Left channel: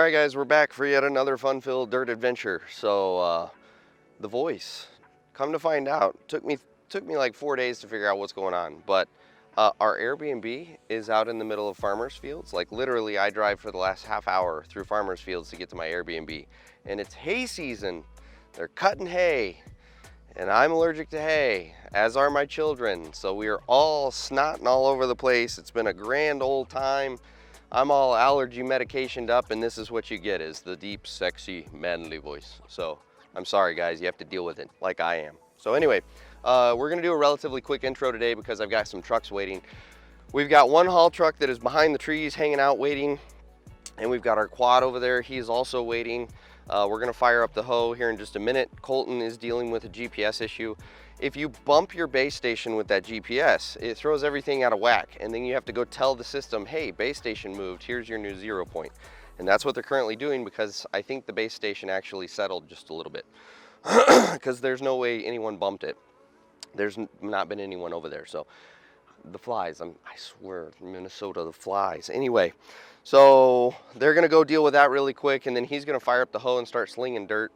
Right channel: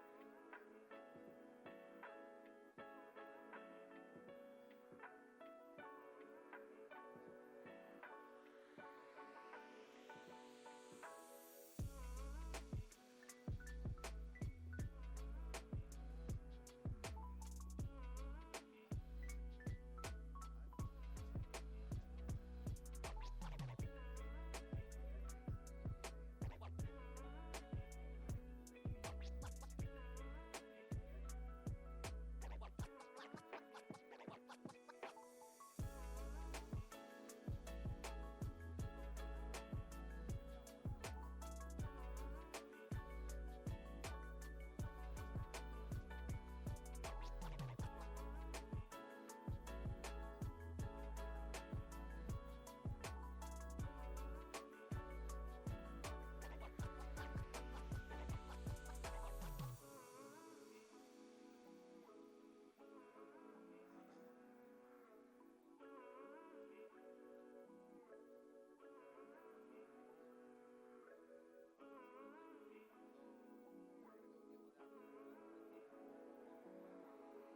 Alright guys, we're back for yet another fun-filled dirt adventure. So, the voice, come to find out, took me like 4 days to figure out what's going on. But our Airbnb is out in the middle of farmers fields. Like literally I drive for the last half hour through farmers fields to get to my Airbnb. And it's hay season. They're cutting hay. And I'm allergic to hay, as are my children. So we are all snotting all over the place. It's been a grand old time. I'm all allergy medicationed up, and this is what you get, is the deep, sexy, manly voice. So I'm sorry guys, you have to deal with it like I am. So anyway, we're gonna do a relatively quick intro today because I've got some trucks waiting. We've got one haul truck that is behind the trees hanging out waiting, and we've got our quad over there. He is also waiting. We're gonna fire up the hoe here in just a minute. Colton is dealing with a GPS issue. If you bump your base station with that GPS, it throws everything out of whack, and then you have to go tell the system, hey, base station moved, here's your new 0 point. And that's what they're currently doing, because I think the base station actually settled just a little bit, because there's no way anyone bumped it. There's not been anyone over there. So the flies, I swear, Minnesota, the flies. Anyway, so they're gonna go deal with that really quick, and then he's gonna fire up the hoe and start slinging dirt.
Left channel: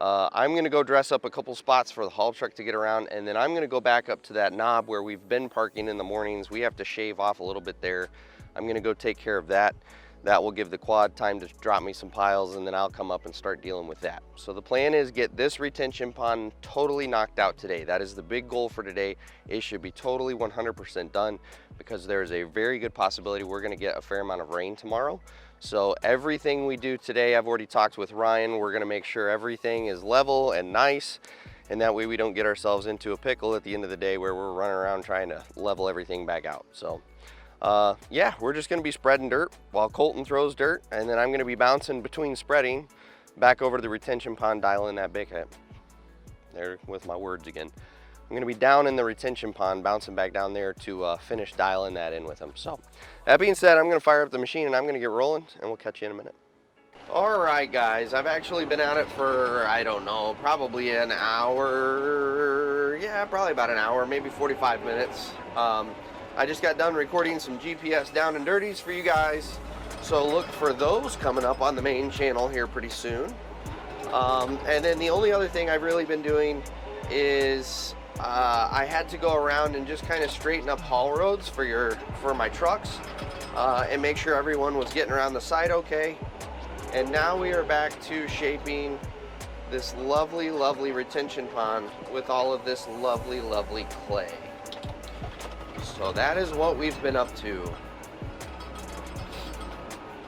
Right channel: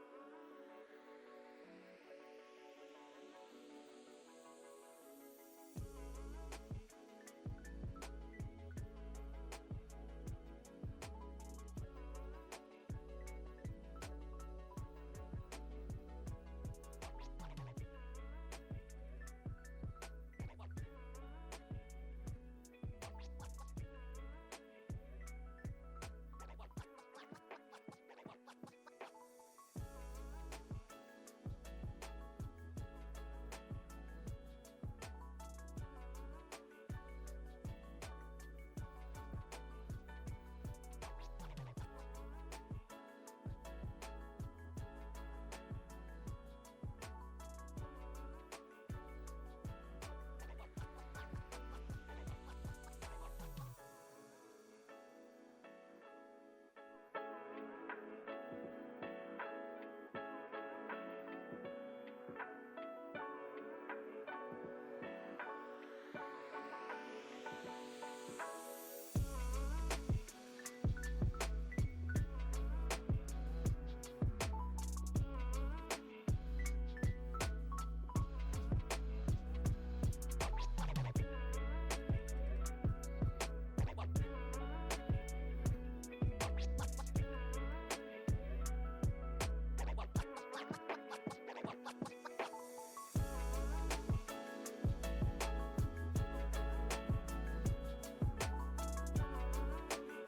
I'm gonna go dress up a couple spots for the haul truck to get around, and then I'm gonna go back up to that knob where we've been parking in the mornings. We have to shave off a little bit there. I'm gonna go take care of that. That will give the quad time to drop me some piles, and then I'll come up and start dealing with that. So the plan is get this retention pond totally knocked out today. That is the big goal for today. It should be totally 100% done, because there is a very good possibility we're gonna get a fair amount of rain tomorrow. So everything we do today, I've already talked with Ryan, we're gonna make sure everything is level and nice, and that way we don't get ourselves into a pickle at the end of the day where we're running around trying to level everything back out. So yeah, we're just gonna be spreading dirt while Colton throws dirt, and then I'm gonna be bouncing between spreading back over to the retention pond, dialing that big head. There with my words again. I'm gonna be down in the retention pond, bouncing back down there to finish dialing that in with them. So that being said, I'm gonna fire up the machine and I'm gonna get rolling, and we'll catch you in a minute. All right guys, I've actually been at it for, I don't know, probably an hour. Yeah, probably about an hour, maybe 45 minutes. I just got done recording some GPS down and dirties for you guys, so look for those coming up on the main channel here pretty soon. And then the only other thing I've really been doing is I had to go around and just kind of straighten up haul roads for my trucks, and make sure everyone was getting around the site okay. And now we are back to shaping this lovely, lovely retention pond with all of this lovely, lovely clay. So that is what we've been up to.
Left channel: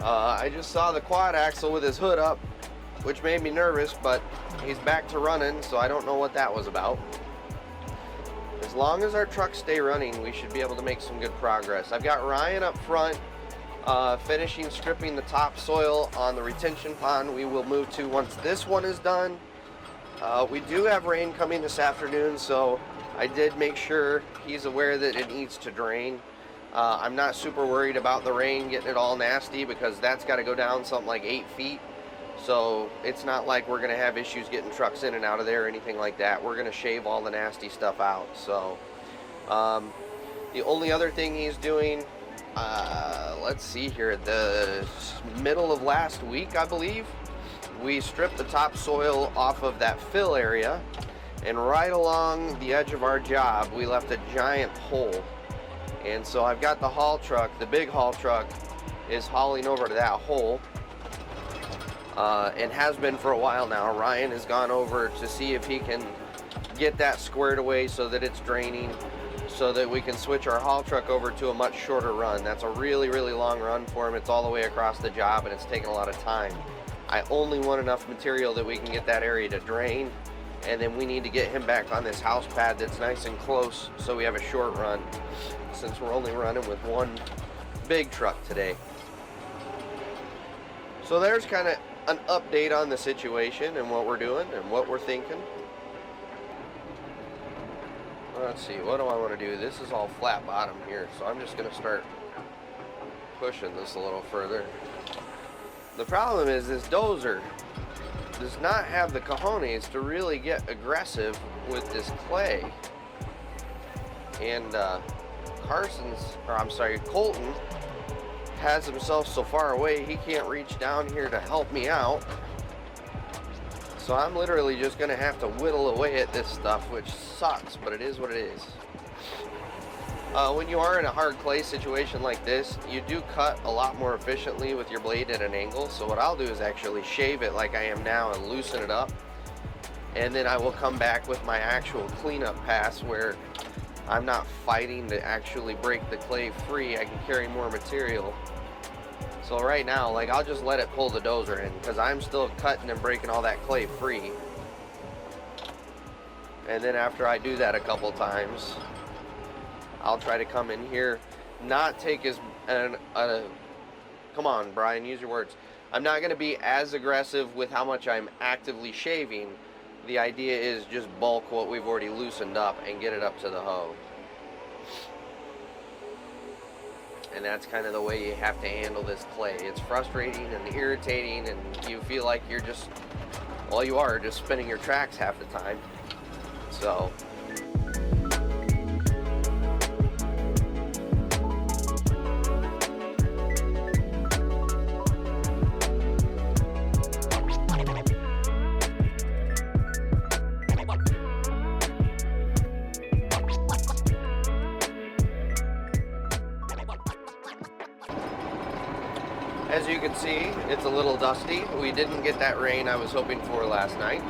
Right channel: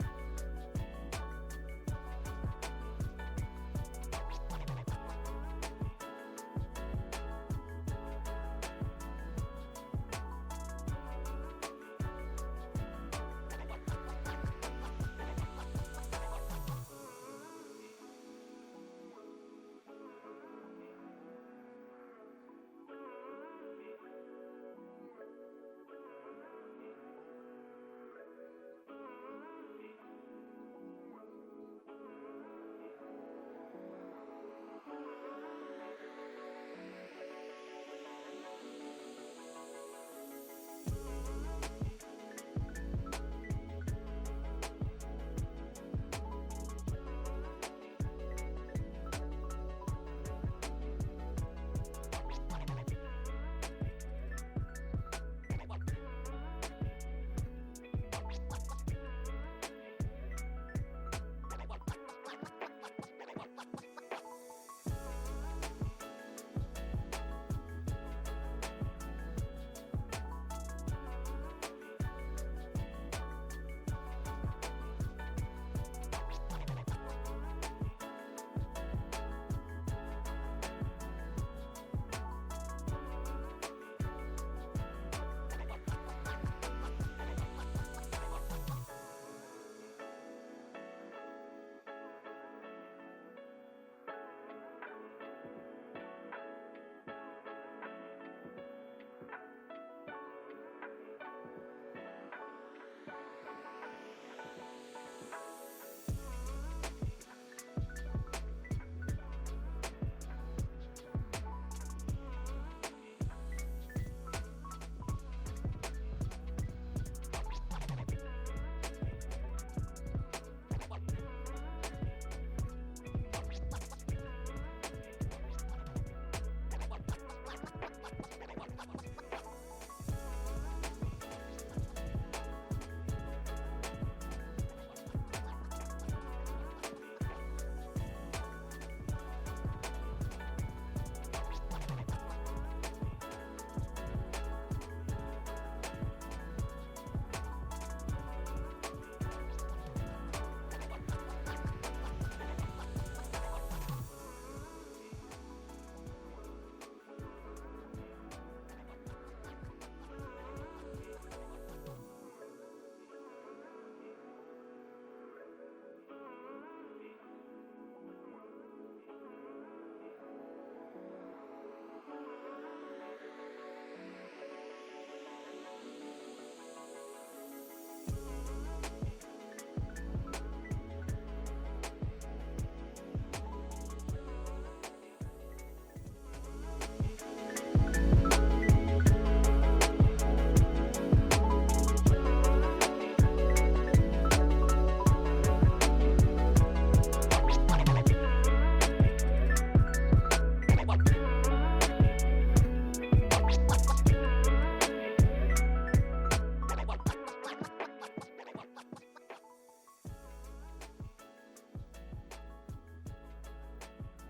I just saw the quad axle with his hood up, which made me nervous, but he's back to running, so I don't know what that was about. As long as our trucks stay running, we should be able to make some good progress. I've got Ryan up front, finishing stripping the topsoil on the retention pond. We will move to once this one is done. We do have rain coming this afternoon, so I did make sure he's aware that it needs to drain. I'm not super worried about the rain getting it all nasty, because that's got to go down something like 8 feet. So it's not like we're going to have issues getting trucks in and out of there or anything like that. We're going to shave all the nasty stuff out. So the only other thing he's doing, let's see here, the middle of last week, I believe, we stripped the topsoil off of that fill area, and right along the edge of our job we left a giant hole. And so I've got the haul truck, the big haul truck is hauling over to that hole, and has been for a while now. Ryan has gone over to see if he can get that squared away so that it's draining, so that we can switch our haul truck over to a much shorter run. That's a really, really long run for him. It's all the way across the job, and it's taking a lot of time. I only want enough material that we can get that area to drain, and then we need to get him back on this house pad that's nice and close so we have a short run, since we're only running with one big truck today. So there's kind of an update on the situation and what we're doing and what we're thinking. Let's see, what do I want to do? This is all flat bottom here, so I'm just going to start pushing this a little further. The problem is this dozer does not have the cojones to really get aggressive with this clay. And Colton has himself so far away he can't reach down here to help me out. So I'm literally just gonna have to whittle away at this stuff, which sucks, but it is what it is. When you are in a hard clay situation like this, you do cut a lot more efficiently with your blade at an angle. So what I'll do is actually shave it like I am now and loosen it up. And then I will come back with my actual cleanup pass where I'm not fighting to actually break the clay free. I can carry more material. So right now, like, I'll just let it pull the dozer in because I'm still cutting and breaking all that clay free. And then after I do that a couple times, I'll try to come in here, not take come on, Brian, use your words. I'm not going to be as aggressive with how much I'm actively shaving. The idea is just bulk what we've already loosened up and get it up to the hoe. And that's kind of the way you have to handle this clay. It's frustrating and irritating, and you feel like you're just, well, you are just spinning your tracks half the time. So as you can see, it's a little dusty. We didn't get that rain I was hoping for last night.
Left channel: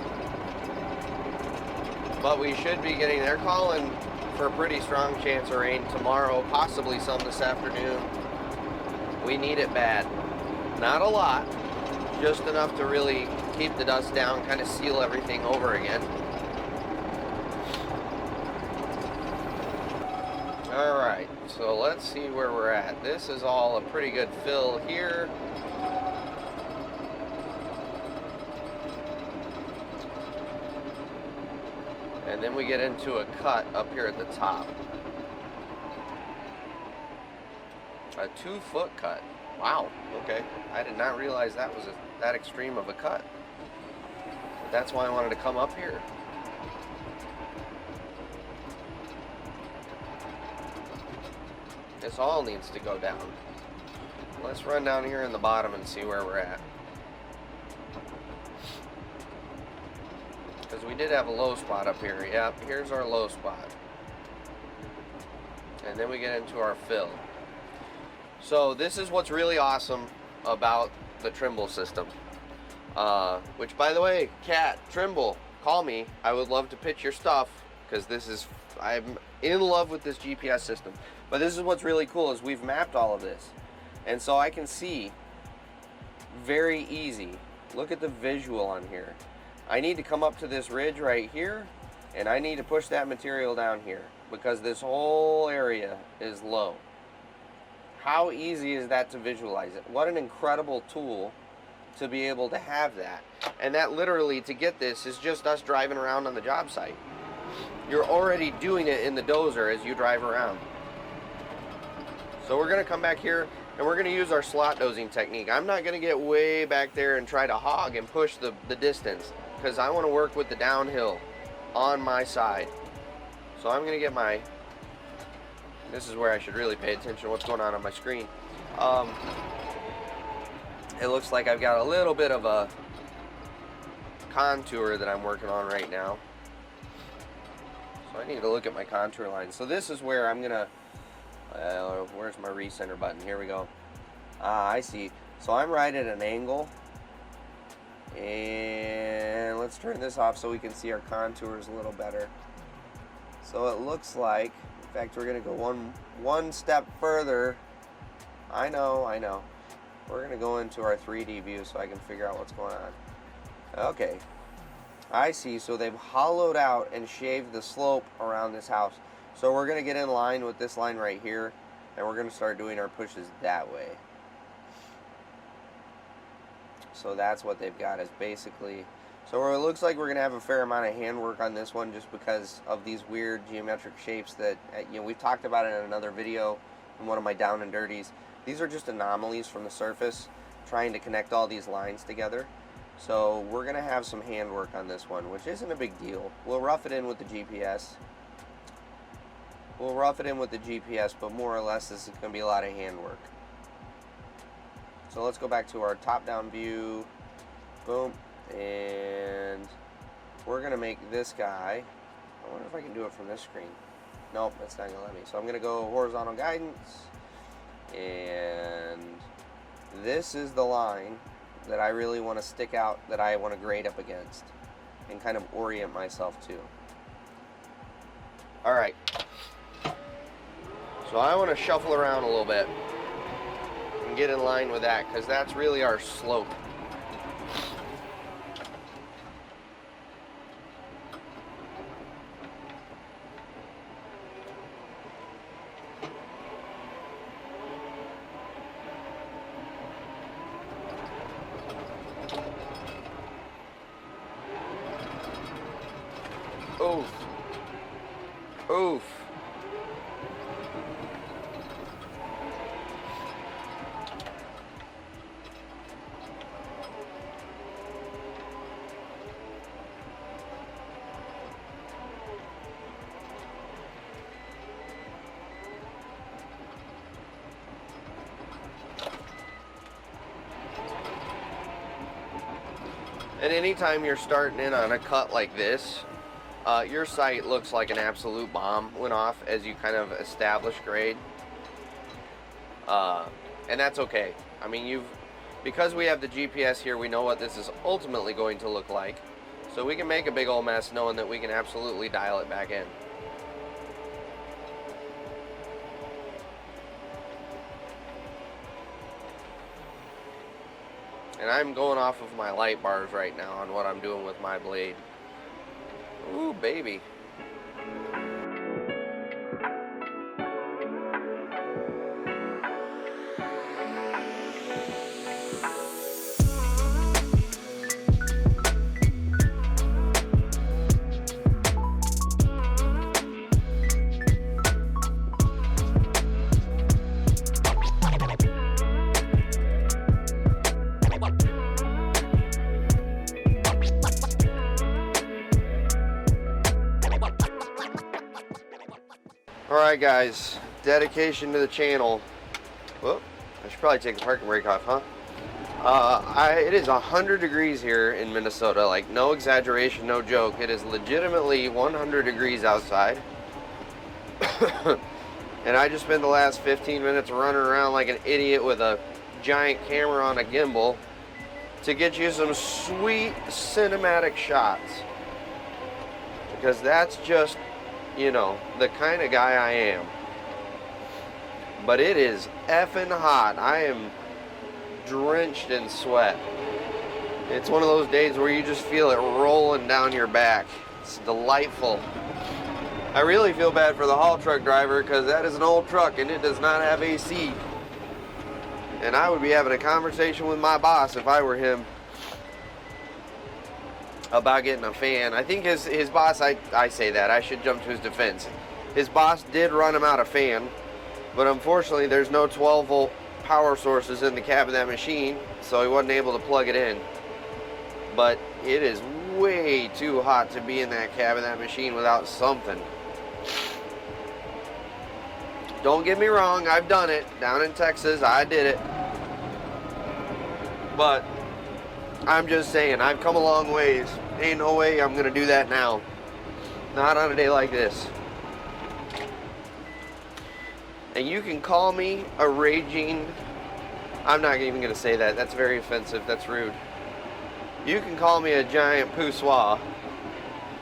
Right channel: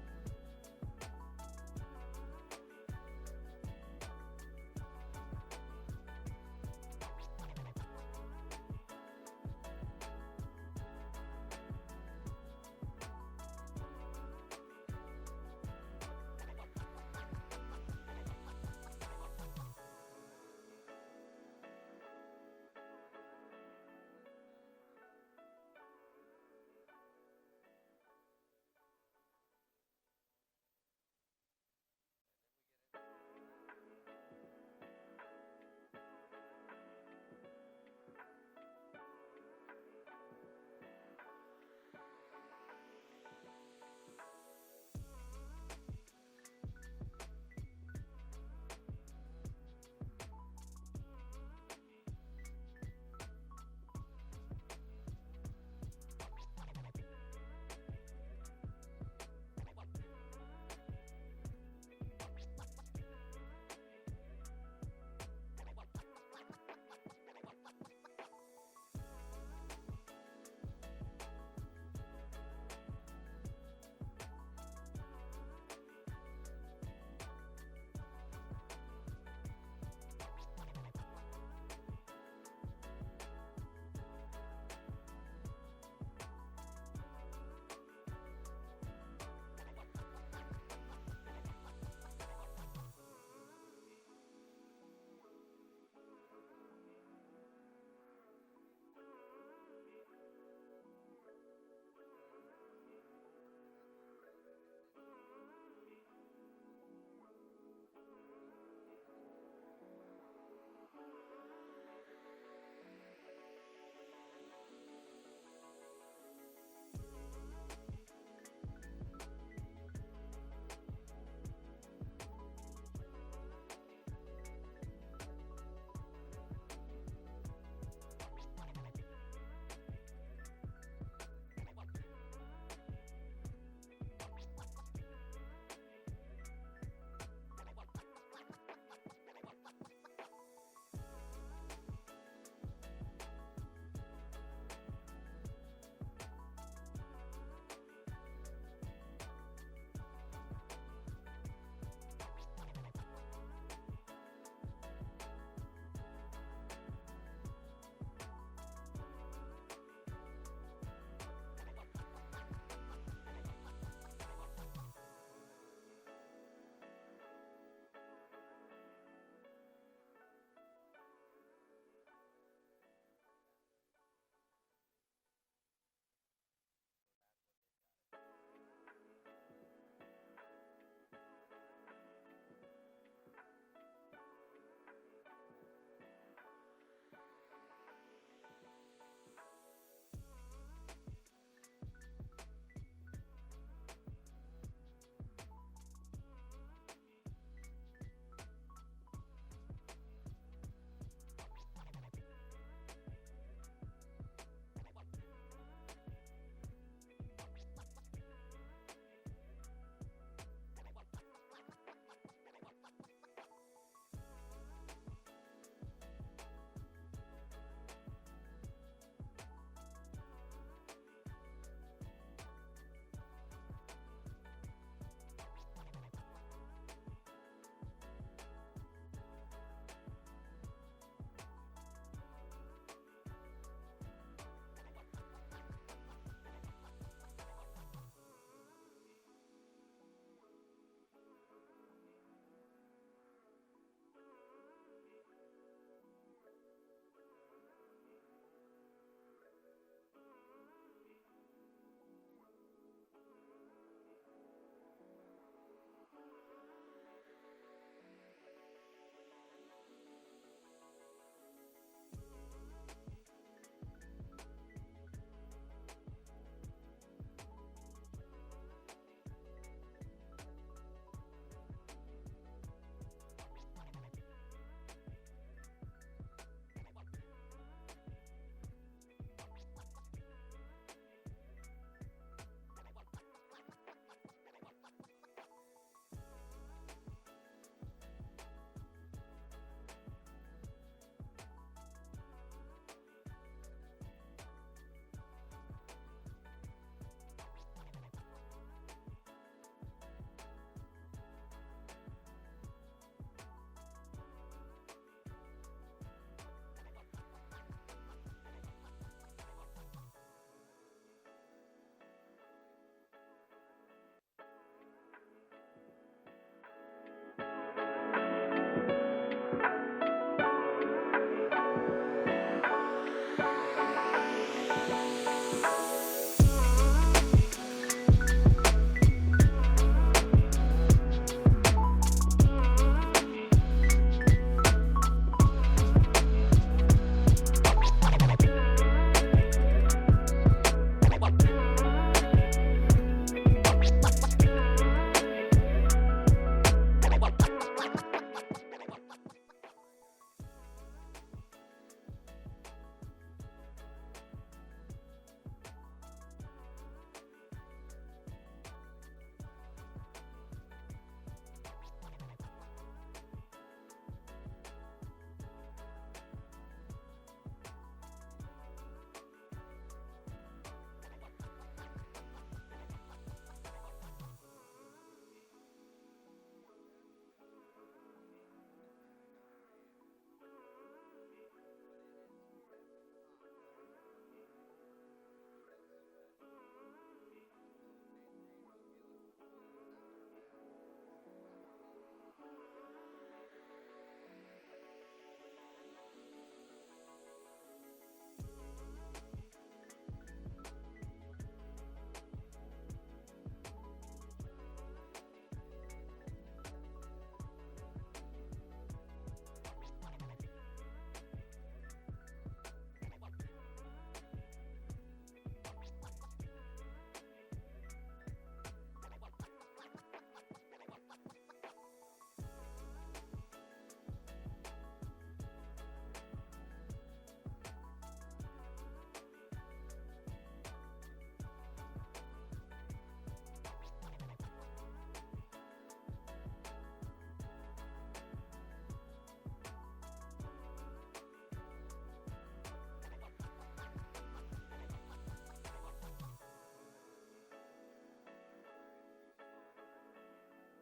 But we should be getting, they're calling for a pretty strong chance of rain tomorrow, possibly some this afternoon. We need it bad. Not a lot, just enough to really keep the dust down, kind of seal everything over again. Alright, so let's see where we're at. This is all a pretty good fill here. And then we get into a cut up here at the top. A 2-foot cut. Wow, okay. I did not realize that was that extreme of a cut. But that's why I wanted to come up here. This all needs to go down. Let's run down here in the bottom and see where we're at. Because we did have a low spot up here. Yep, here's our low spot. And then we get into our fill. So this is what's really awesome about the Trimble system. Which, by the way, Kat, Trimble, call me. I would love to pitch your stuff, because I'm in love with this GPS system. But this is what's really cool, is we've mapped all of this. And so I can see very easy. Look at the visual on here. I need to come up to this ridge right here, and I need to push that material down here because this whole area is low. How easy is that to visualize it? What an incredible tool to be able to have that. And that literally, to get this, is just us driving around on the job site. You're already doing it in the dozer as you drive around. So we're going to come back here and we're going to use our slot dozing technique. I'm not going to get way back there and try to hog and push the distance, because I want to work with the downhill on my side. So I'm going to get my, this is where I should really pay attention to what's going on my screen. It looks like I've got a little bit of a contour that I'm working on right now. So I need to look at my contour line. So this is where I'm going to, where's my recenter button? Here we go. I see. So I'm right at an angle. And let's turn this off so we can see our contours a little better. So it looks like, in fact, we're going to go one step further. I know. We're going to go into our 3D view so I can figure out what's going on. Okay. I see. So they've hollowed out and shaved the slope around this house. So we're going to get in line with this line right here, and we're going to start doing our pushes that way. So that's what they've got, is basically, so it looks like we're going to have a fair amount of handwork on this one just because of these weird geometric shapes that, we've talked about it in another video in one of my down and dirties. These are just anomalies from the surface trying to connect all these lines together. So we're going to have some handwork on this one, which isn't a big deal. We'll rough it in with the GPS. But more or less this is going to be a lot of handwork. So let's go back to our top-down view. Boom. And we're going to make this guy, I wonder if I can do it from this screen. Nope, that's not going to let me. So I'm going to go horizontal guidance. And this is the line that I really want to stick out, that I want to grade up against and kind of orient myself to. All right. So I want to shuffle around a little bit and get in line with that, because that's really our slope. Oof. Oof. And anytime you're starting in on a cut like this, your sight looks like an absolute bomb went off as you kind of establish grade. And that's okay. I mean, because we have the GPS here, we know what this is ultimately going to look like. So we can make a big old mess knowing that we can absolutely dial it back in. And I'm going off of my light bars right now on what I'm doing with my blade. Ooh, baby. Alright guys, dedication to the channel. Whoop, I should probably take the parking brake off, huh? It is 100 degrees here in Minnesota, like no exaggeration, no joke. It is legitimately 100 degrees outside. And I just spent the last 15 minutes running around like an idiot with a giant camera on a gimbal to get you some sweet cinematic shots. Because that's just, you know, the kind of guy I am. But it is effing hot. I am drenched in sweat. It's one of those days where you just feel it rolling down your back. It's delightful. I really feel bad for the haul truck driver, because that is an old truck and it does not have AC. And I would be having a conversation with my boss if I were him about getting a fan. I think his boss, I say that, I should jump to his defense. His boss did run him out a fan, but unfortunately there's no 12 volt power sources in the cab of that machine, so he wasn't able to plug it in. But it is way too hot to be in that cab of that machine without something. Don't get me wrong, I've done it. Down in Texas, I did it. But I'm just saying, I've come a long ways. Ain't no way I'm gonna do that now. Not on a day like this. And you can call me a raging... I'm not even gonna say that. That's very offensive. That's rude. You can call me a giant poussoir,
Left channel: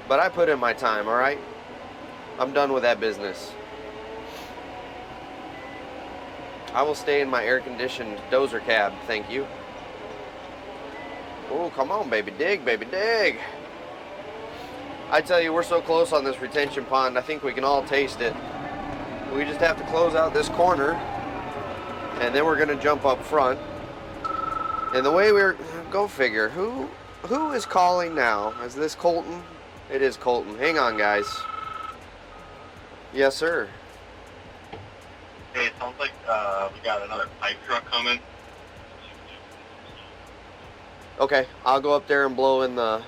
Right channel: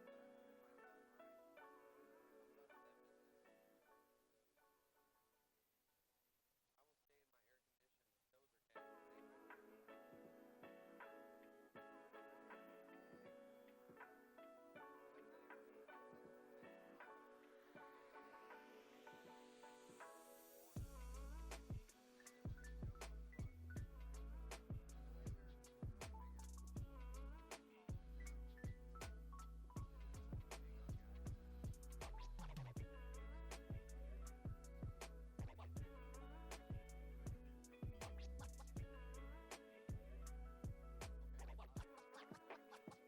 but I put in my time, alright? I'm done with that business. I will stay in my air-conditioned DOZER cab, thank you. Oh, come on, baby, dig, baby, dig. I tell you, we're so close on this retention pond, I think we can all taste it. We just have to close out this corner, and then we're going to jump up front. And the way go figure, who is calling now? Is this Colton? It is Colton. Hang on, guys. Yes, sir. Hey, it sounds like we got another pipe truck coming. Okay, I'll go up there and blow in the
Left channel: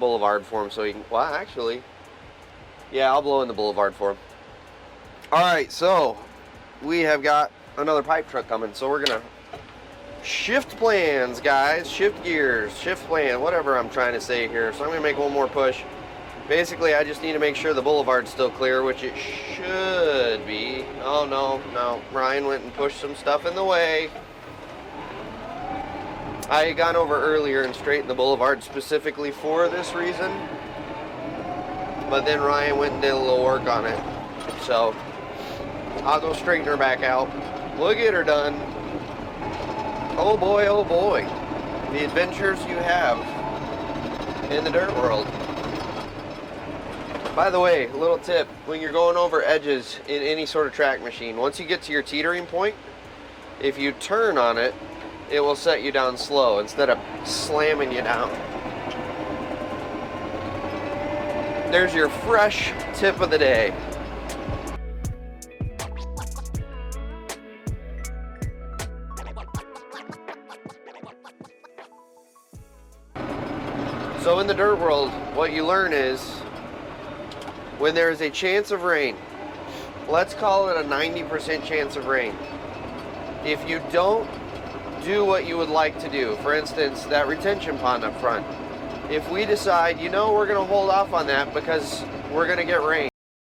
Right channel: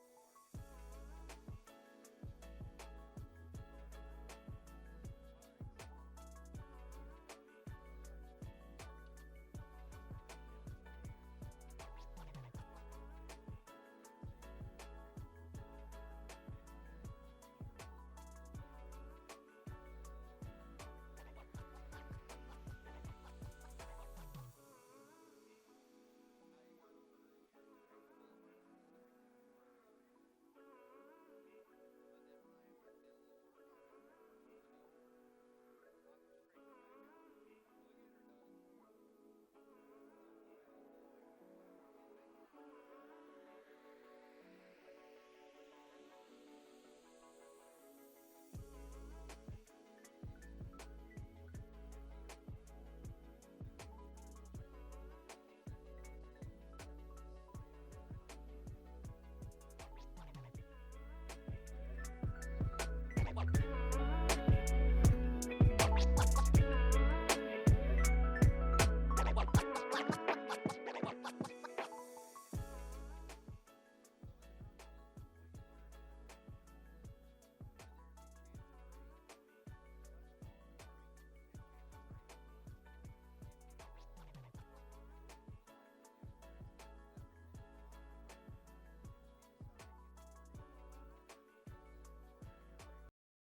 boulevard for him so he can. Well, actually, yeah, I'll blow in the boulevard for him. All right, so we have got another pipe truck coming, so we're gonna shift plans, guys. Shift gears, shift plan, whatever I'm trying to say here. So I'm gonna make one more push. Basically, I just need to make sure the boulevard's still clear, which it should be. Oh, no. Ryan went and pushed some stuff in the way. I had gone over earlier and straightened the boulevard specifically for this reason. But then Ryan went and did a little work on it. So, I'll go straighten her back out. We'll get her done. Oh boy. The adventures you have in the dirt world. By the way, a little tip, when you're going over edges in any sort of track machine, once you get to your teetering point, if you turn on it, it will set you down slow instead of slamming you down. There's your fresh tip of the day. So in the dirt world, what you learn is when there is a chance of rain, let's call it a 90% chance of rain. If you don't do what you would like to do, for instance, that retention pond up front, if we decide, you know, we're going to hold off on that because we're going to get rain,